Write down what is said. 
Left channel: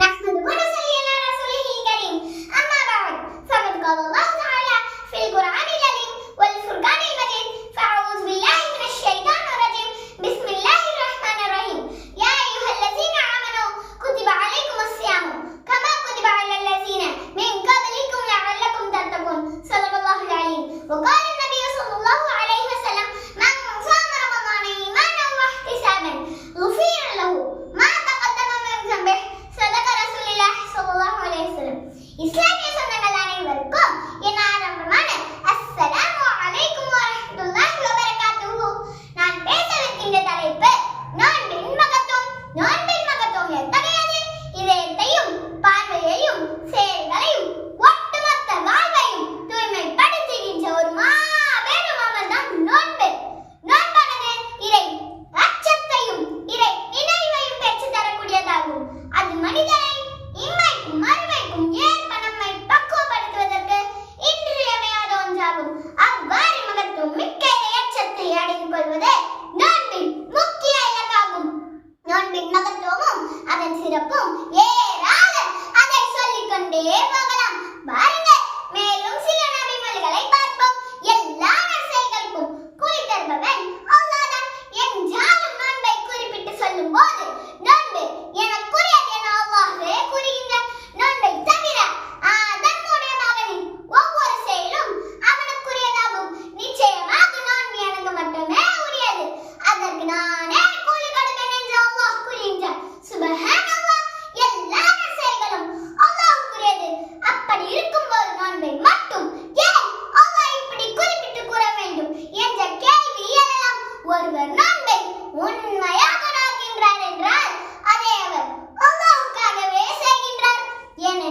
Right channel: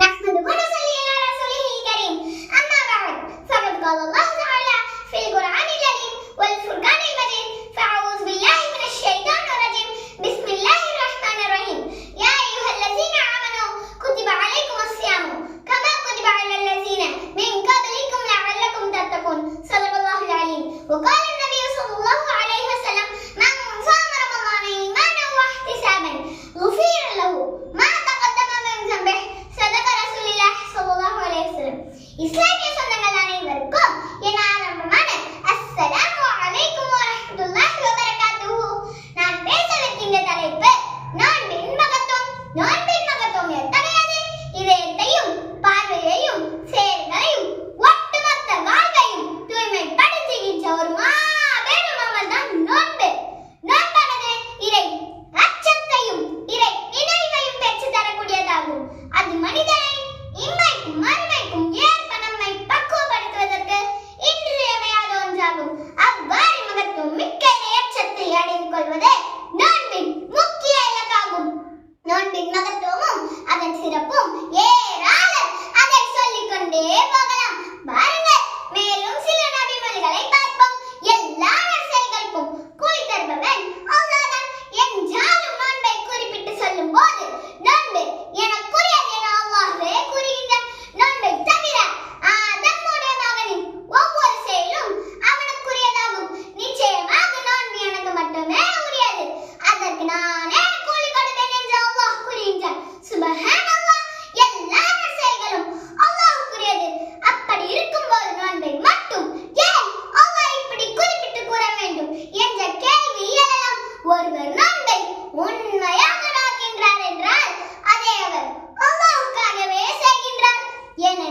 রাহমাতুল্লাহ tiene